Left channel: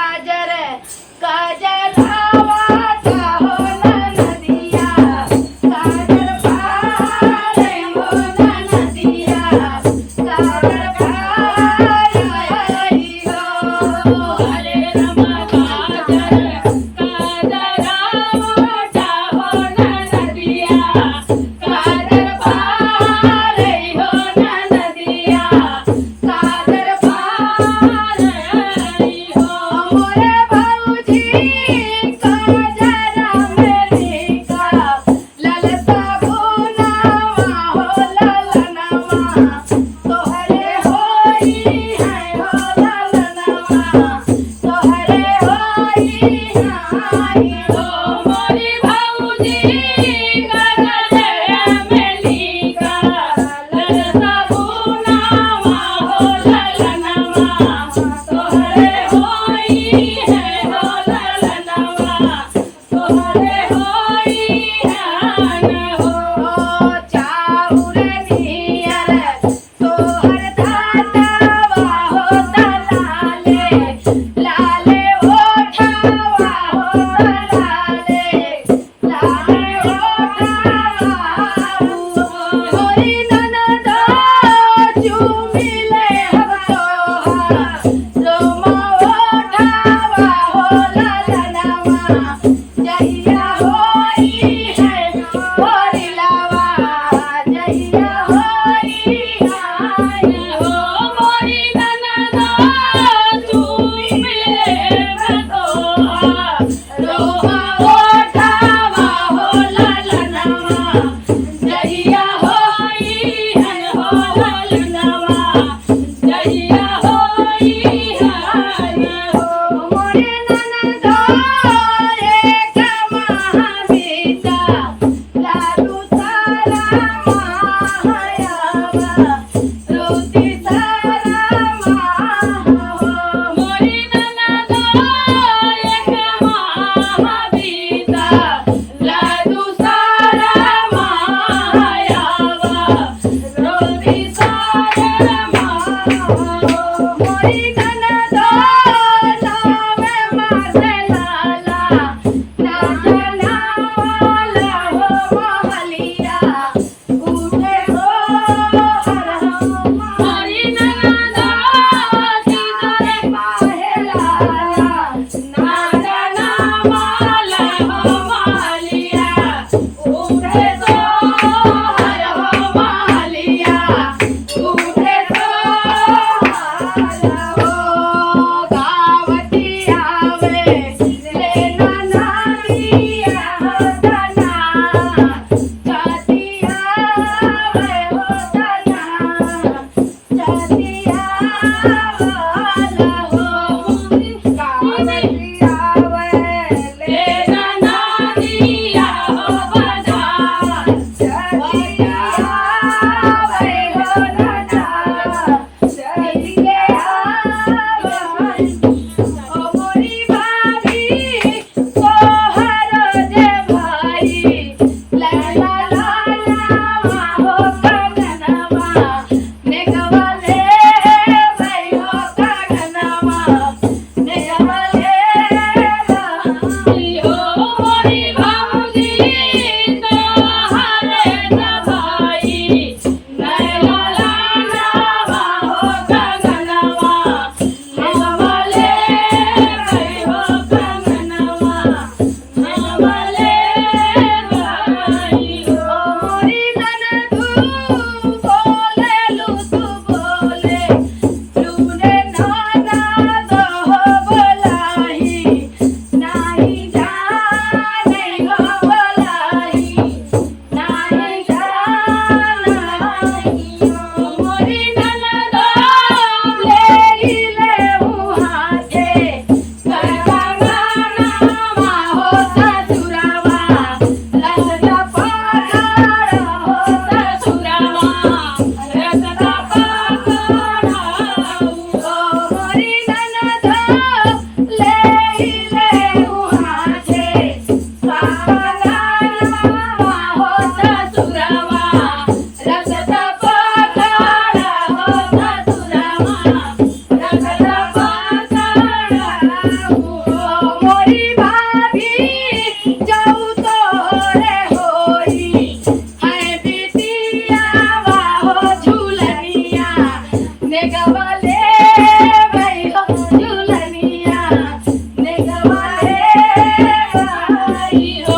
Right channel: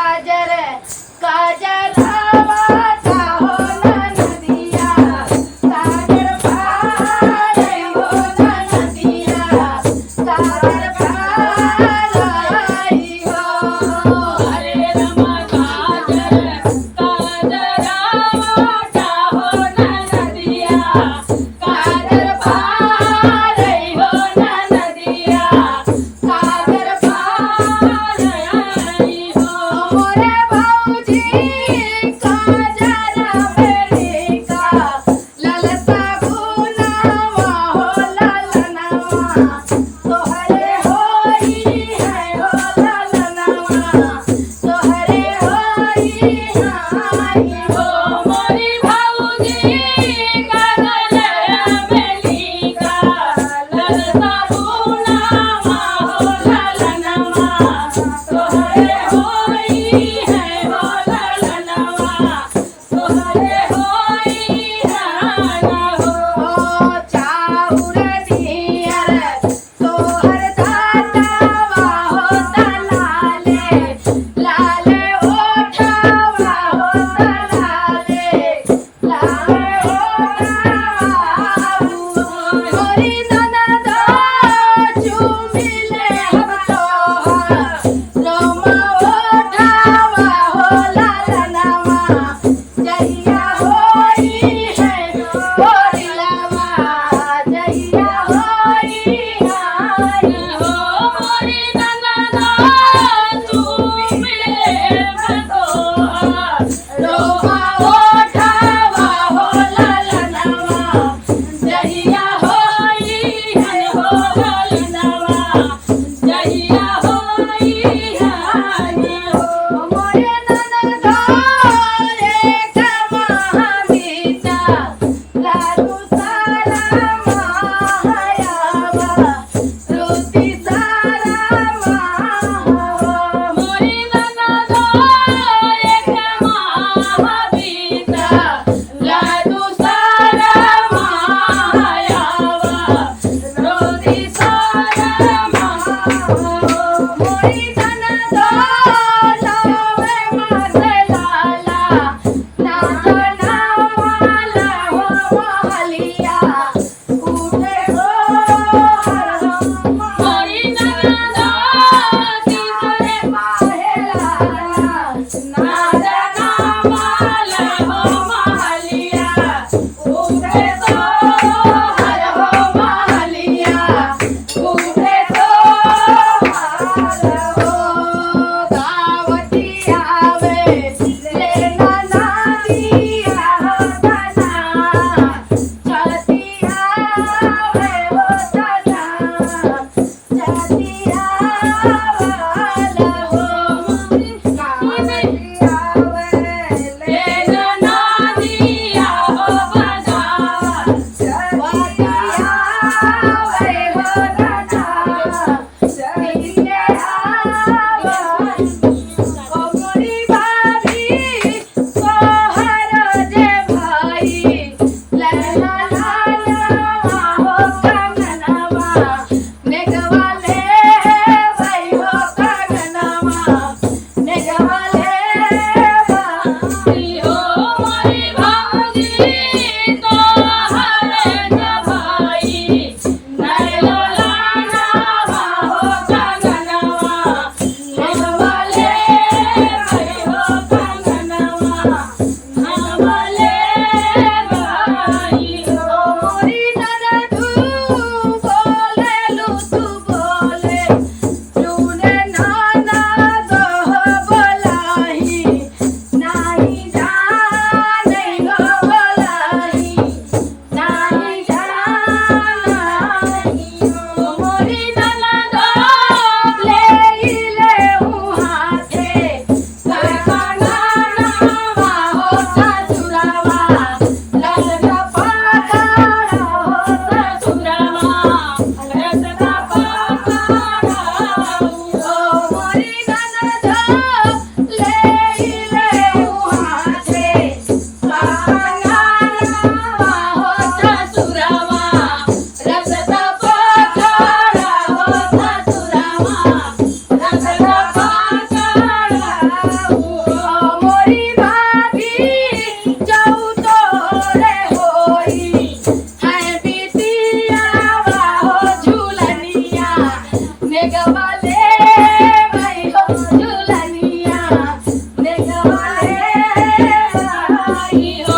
काजर काजरावाचा हो ना नदिया काजर पारे हो ना नदिया काजर पाराई हो हरे राम काजर काजरावाचा हो ना नदिया काजर पारे हो ना नदिया काजर पाराई हो मोरे भाऊजी काजरा मेलिका ललता गुनावा हो ललनावा तोहरे होई है हो ललनावा तोहरे होई हाई हो मोरी भाऊजी काजरा मेलिका ललता गुनावा हो ललनावा तोहरे होई है हो ललनावा तोहरे होई हाई हो चाउर नियर तोहर दातावा हो तलाले लाले ओठावा हो तलाले लाले ओठावा मोरी ननद चुमिले हम तोहार रोमा ओठावा हो ललनावा जहिया होई है गोरी लावा जहिया होई हाई हो मोरी ननद चुमिले हम तोहार रोमा ओठावा हो ललनावा जहिया होई है हो ललनावा जहिया होई हाई हो मोरे ननद एक महाबीता लाडू सारा मायावा रोटी सारा माहो मोरी ननद एक महाबीता लाडू सारा मायावा रोटी सारा माहो मोरी ननद लावे मासे लाला नाचो नावाला हो महलिया उठे हो हर मोरी ननद तिसरे माहे लाला नाचा नावाला हो महलिया उठे तो हर हो महलिया उठे तो हर हो गाव નહીં હો